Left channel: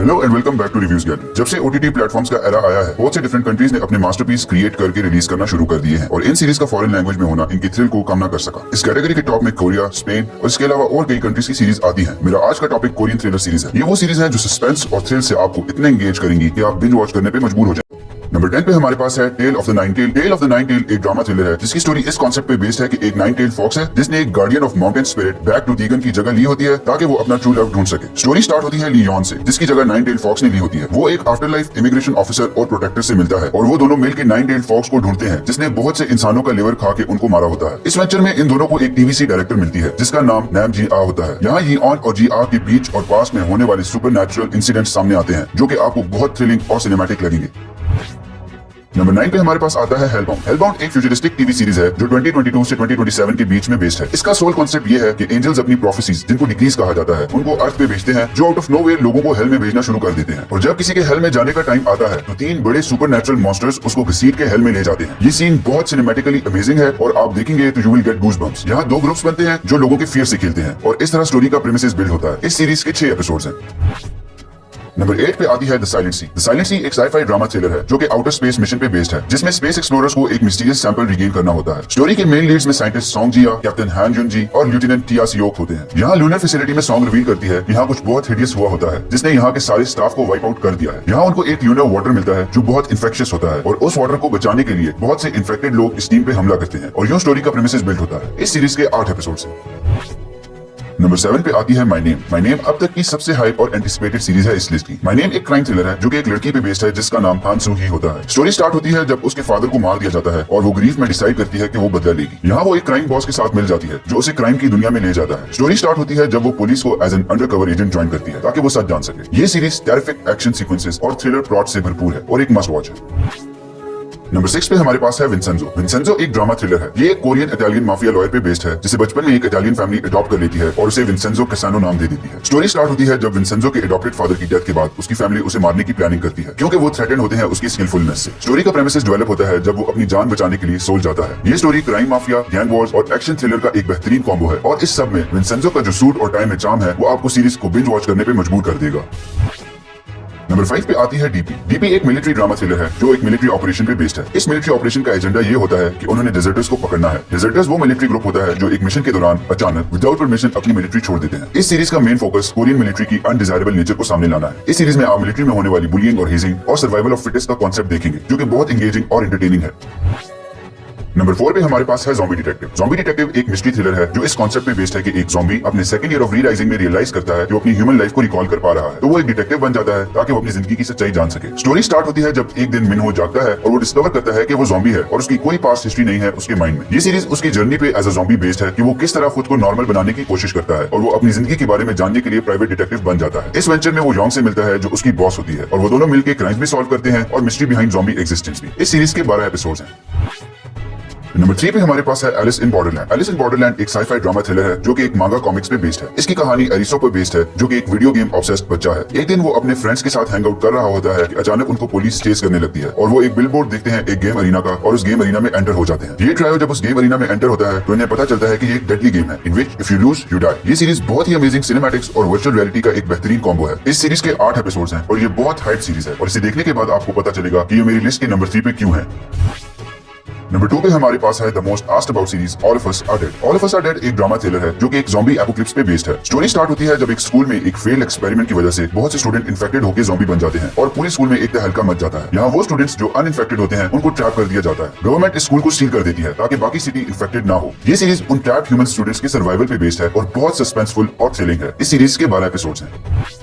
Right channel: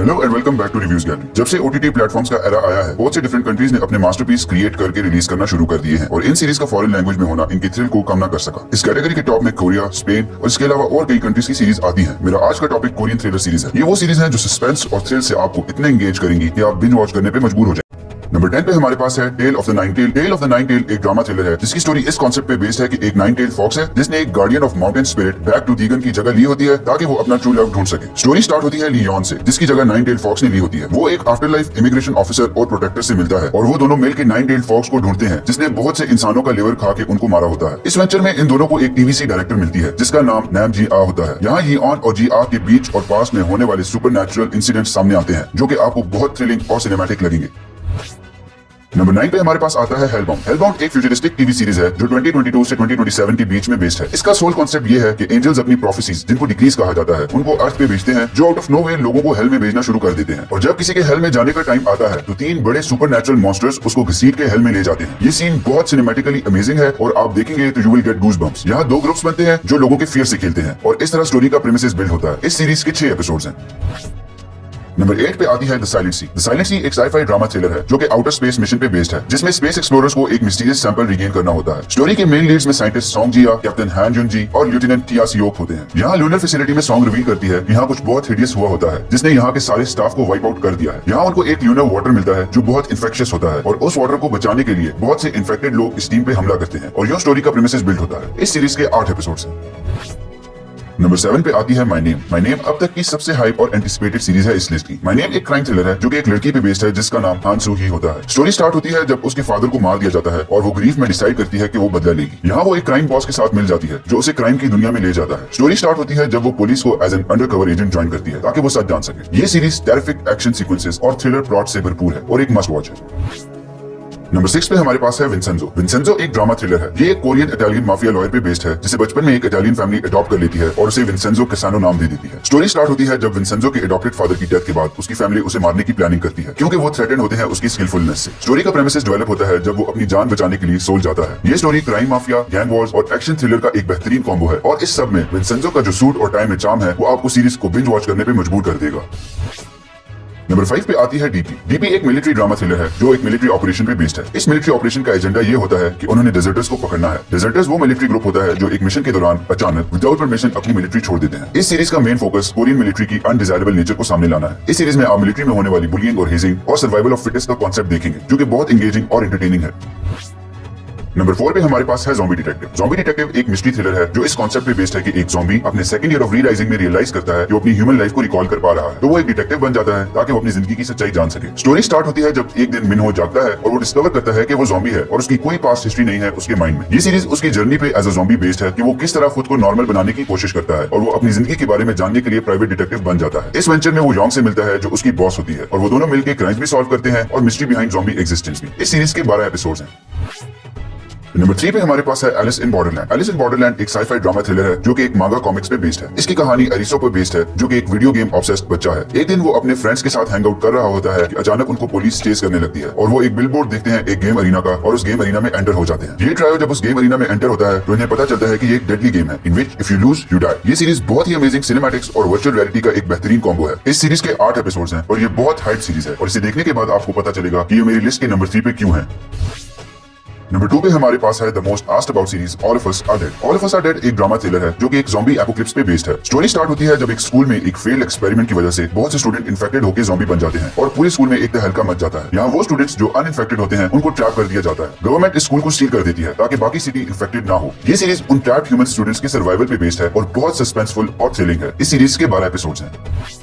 Hello and welcome back to reviews gallery. जब से OTT platforms का एरा आया है, बहुत से डिफरेंट कंट्रीज ने अपने मास्टरपीस क्रिएट करके रिलीज करना शुरू कर दिए हैं और इन सीरीज का फॉरेन लैंग्वेज में होना इनकी थ्रिल को कम ना कर सका। इस कैटेगरी के टॉप में कोरिया, स्पेन और इसके अलावा और कई कंट्रीज की सीरीज आती है। मेरा आज का टॉपिक कोरियन थ्रिलर सीरीज है। ये वो सीरीज है जो सस्पेंस और थ्रिल से आपको इतना एंगेज करेंगी कि आप बिंज वॉच करने पे मजबूर हो जाए। नंबर 10 पे हमारे पास है tale of the nine tail. Tale of the nine tail एक ड्रामा थ्रिलर है जिसकी स्टोरी इस कॉन्सेप्ट पे बेस्ड है कि एक नाइन टेल फॉक्स है जिसने एक guardian of mountain spirit back to दीगन की जगह ली होती है ताकि वो अपना ट्रू लव ढूंढ सके। स्टोरी स्टार्ट होती है लियोन से जिसकी जगह नाइन टेल फॉक्स ने ली होती है। वो एक आफ्टर लाइफ इमिग्रेशन ऑफिसर और प्रोटेक्टर से मिलता है और वो दोनों मिलकर नाइन टेल फॉक्स को ढूंढते हैं जिसने बहुत से इंसानों का लिवर खा के उनको मारा होता है। इस वेंचर में इन दोनों को एक टीवी डायरेक्टर मिलती है जिसका नाम नैम जी आ होता है। यहाँ ही ऑन और जी आ के बीच और पास में होने वाले सुपर नेचुरल इंसिडेंट सामने आते हैं जो कि आपको बहुत थ्रिलिंग और सिनेमैटिक लगेंगे। नंबर 9 पे हमारे पास आता है हेलबाउंड। हेलबाउंड एक फ्यूचरिस्टिक टीवी सीरीज है जो 2022 से 2027 के बीच में बेस्ड है। इसका सोल कॉन्सेप्ट ये है कि एंजल्स अपनी प्रोफेसीज जिनको डिक्रीज कहा जाता है उनको अर्थ पे भेजते हैं जो आउट ऑफ नोवेयर लोगों को हेल में भेजना शुरू कर देते हैं। और जब किसी के हेल में जाने का टाइम आता है तो 3 बड़े सुपर नेचुरल मॉन्स्टर्स उसको घसीट के हेल में ले जाते हैं। ये सीन बहुत सिनेमैटिकली अमेजिंग है और आप देखेंगे तो यू विल गेट गूज़बम्प्स। यहाँ 2 ग्रुप्स बनते हैं जो लोगों के फियर से खेलते हैं और इस तरह स्टोरी का प्रीमिसेस बिल्ड होता है। इस सीरीज के 6 एपिसोड्स हैं। नंबर 8 पे आती है the silent sea. The silent sea एक साई-फाई ड्रामा थ्रिलर है जो कि आउटर स्पेस मिशन पे बेस्ड है जिसमें स्पेस एक्सप्लोरर्स को एक मिस्टीरियस सैंपल रिगेन करना होता है। स्टोरी के मेन लीड्स में साइंटिस्ट सोंग जिया, कैप्टन हान जुन जी और लेफ्टिनेंट टिया सियोक होते हैं। यहाँ लूनर फैसिलिटी में सोंग रिवील करती है यहाँ कुछ बहुत हिडियस हुआ होता है जिसने यहाँ के सारे स्टाफ को वाइप आउट कर दिया है। यहाँ उनको एक लूनर वाटर मिलता है जो बहुत इन्फेक्शियस होता है और उस वाटर को बचाने के लिए बहुत से इन्फेक्टेड लोग इस टीम पे हमला करते हैं और यूं स्टोरी का प्रीमिसेस बिल्ड होता है। इस सीरीज के 8 एपिसोड्स हैं। नंबर 7 पे आती है माय नेम। माय नेम अब तक की सबसे हाइप और एंटिसिपेटेड सीरीज है इस लिस्ट की। माय नेम एक क्राइम थ्रिलर है जो कि एक लड़की पे बेस्ड है जिसका नाम हान सू ही होता है। स्टोरी स्टार्ट होती है जब उसके फादर को मार दिया जाता है और वो ग्रीफ में डिसाइड करती है कि वो बदला लेगी। यहाँ वो एक क्राइम बॉस के साथ मिल जाती है जो उसे क्राइम की दुनिया में ले जाता है। स्टोरी स्टार्ट होती है जब वो पुलिस को as an undercover agent join करती है ताकि वो सच जान सके। ये सीरीज टेरिफिक एक्शन सीक्वेंसेस और थ्रिलर प्लॉट से भरपूर है और एक मस्ट वॉच है। नंबर 6 पे हमारे पास है विंसेंजो। विंसेंजो एक ड्रामा थ्रिलर है। ये एक कोरियन इटालियन माफिया लॉयर पे बेस्ड है जिसे बचपन में एक इटालियन फैमिली अडॉप्ट कर लेती है और उसे विंसेंजो कैसानो नाम दे देती है। स्टोरी स्टार्ट होती है जब विंसेंजो के अडॉप्टेड फादर की डेथ के बाद उसकी फैमिली उसे मारने की प्लानिंग करती है क्योंकि वो थ्रेटेंड होते हैं उसकी स्किलफुलनेस से। स्टोरी का प्रेमिसेस डेवलप होता है जब वो अपनी जान बचाने के लिए सोल जाता है। ये story crime mafia, gang Wars और एक्शन थ्रिलर का एक बेहतरीन कॉम्बो है और इस सब में विंसेंजो का जो सूट और टाइम में चार्म है वो आपको सीरीज को बिंज वॉच करने पे मजबूर कर देगा। नंबर 5 पे आती है डीपी। डीपी एक मिलिट्री ड्रामा थ्रिलर है जो एक मिलिट्री ऑपरेशन पे बेस्ड है। इस मिलिट्री ऑपरेशन का एजेंडा ये होता है कि उन्होंने डेजर्टर्स को पकड़ना है। डेजर्टर्स वो मिलिट्री ग्रुप होता है जो एक मिशन के दौरान अचानक विदाउट परमिशन अपनी मिलिट्री छोड़ देते हैं। इस सीरीज का मेन फोकस कोरियन मिलिट्री की अनडिजायरेबल नेचर को सामने लाना है। इस सीरीज में आप मिलिट्री में होने वाली बुलिंग और हेजिंग और सर्वाइवल ऑफ फिटेस्ट का कॉन्सेप्ट देखेंगे जो कि बहुत एंगेजिंग और एंटरटेनिंग है। नंबर 4 पे हमारे पास है ज़ॉम्बी डिटेक्टिव। ज़ॉम्बी डिटेक्टिव एक मिस्ट्री थ्रिलर है जो इस कॉन्सेप्ट पे बेस्ड है कि एक ज़ॉम्बी अपने सेकंड ईयर ऑफ री-राइजिंग में रियलाइज करता है कि वो अपनी ह्यूमन लाइफ को रिकॉल कर पा रहा है तो वो एक डिटेक्टिव बन जाता है ताकि वो अपनी जिंदगी की सच्चाई जान सके। स्टोरी स्टार्ट होती है जब एक दिन मिनहो जागता है और वो डिस्कवर करता है कि वो ज़ॉम्बी है और उसकी कोई पास्ट हिस्ट्री नहीं है उसके माइंड में। ये सीरीज उसकी जर्नी पे एज अ ज़ॉम्बी बेस्ड है कि वो किस तरह खुद को नॉर्मल बनाने की कोशिश करता है और वो अपनी जिंदगी के बारे में जानने के लिए प्राइवेट डिटेक्टिव बन जाता है। इस वेंचर में वो योंग से मिलता है जो उसकी बॉस होती है और वो दोनों मिलकर क्राइम्स भी सॉल्व करते हैं और मिस्ट्री बिहाइंड ज़ॉम्बी एग्जिस्टेंस भी। इस सीरीज के 12 एपिसोड्स हैं। नंबर 3 पे हमारे पास है Alice in Borderland. Alice in Borderland एक साई-फाई ड्रामा थ्रिलर है जो कि एक मांगा कॉमिक्स पे बेस्ड है। इसकी कहानी एरिसो पे बेस्ड है जो कि एक वीडियो गेम ऑब्सेस्ड बच्चा है। एक दिन वो अपने फ्रेंड्स के साथ हैंग आउट कर रहा होता है कि अचानक उनको पुलिस चेस करने लगती है और वो एक बिलबोर्ड देखते हैं एक गेम अरीना का और उस गेम अरीना में एंटर हो जाते हैं। ये ट्रायल जब उस गेम अरीना में एंटर होता है तो इन्हें पता चलता है कि ये एक डेडली गेम है in which if you lose you die. ये सीरीज बहुत ही अमेजिंग सिनेमैटिक्स और वर्चुअल रियलिटी का एक बेहतरीन कॉम्बो है। इस सीरीज के 8 एपिसोड्स हैं और ये बहुत हाइप सीरीज है और इसे देखने के बाद आपको पता चलेगा कि ये मेरी लिस्ट के नंबर 3 पे क्यों है। नंबर 2 पे हमारे पास है the most asked about series all of us are dead. All of us are dead एक ड्रामा थ्रिलर है जो कि एक ज़ॉम्बी एपोकलिप्स पे बेस्ड है। स्टोरी स्टार्ट होती है जब एक स्कूल में एक फेल्ड एक्सपेरिमेंट की वजह से बहुत से स्टूडेंट इन्फेक्टेड होकर ज़ॉम्बी बन जाते हैं और पूरे स्कूल में एक तहलका मच जाता है। यहाँ वो स्टूडेंट्स जो अनइन्फेक्टेड होते हैं उनको ट्रैप कर दिया जाता है। गवर्नमेंट इस स्कूल को सील कर देती है ताकि बाकी सिटी इन्फेक्टेड ना हो। ये सीरीज उन ट्रैप्ड ह्यूमन स्टूडेंट्स के सर्वाइवल पे बेस्ड है और बहुत सस्पेंसफुल और थ्रिलिंग है। इस सीरीज के 12 एपिसोड्स हैं।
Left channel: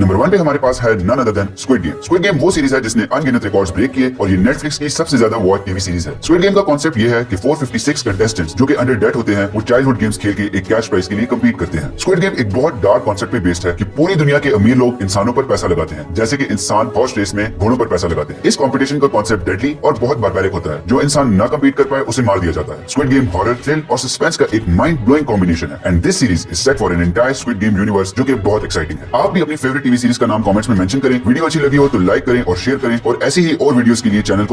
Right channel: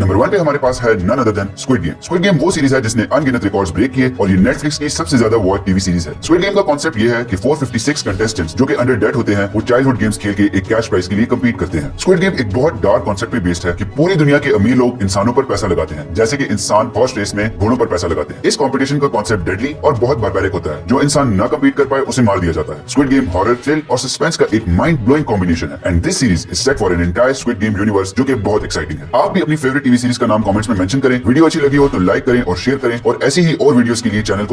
नंबर 1 पे हमारे पास है none other than squid game. Squid game वो सीरीज है जिसने अनगिनत रिकॉर्ड्स ब्रेक किए और ये नेटफ्लिक्स की सबसे ज्यादा वॉच टीवी सीरीज है। स्क्विड गेम का कॉन्सेप्ट ये है कि 456 कंटेस्टेंट्स जो कि अंडर डेट होते हैं वो चाइल्डहुड गेम्स खेल के एक कैश प्राइज के लिए कम्पीट करते हैं। स्क्विड गेम एक बहुत डार्क कॉन्सेप्ट पे बेस्ड है कि पूरी दुनिया के अमीर लोग इंसानों पर पैसा लगाते हैं जैसे कि इंसान हॉर्स रेस में घोड़ों पर पैसा लगाते हैं। इस कॉम्पिटिशन का कॉन्सेप्ट डेडली और बहुत बारबैरिक होता है। जो इंसान ना कम्पीट कर पाए उसे मार दिया जाता है। स्क्विड गेम हॉरर, थ्रिल और सस्पेंस का एक माइंड ब्लोइंग कॉम्बिनेशन है and this series is set for an entire squid game universe जो कि बहुत एक्साइटिंग है। आप भी अपनी फेवरेट टीवी सीरीज का नाम कमेंट्स में मेंशन करें। वीडियो अच्छी लगी हो तो लाइक करें और शेयर करें और ऐसे ही और वीडियोस के लिए चैनल को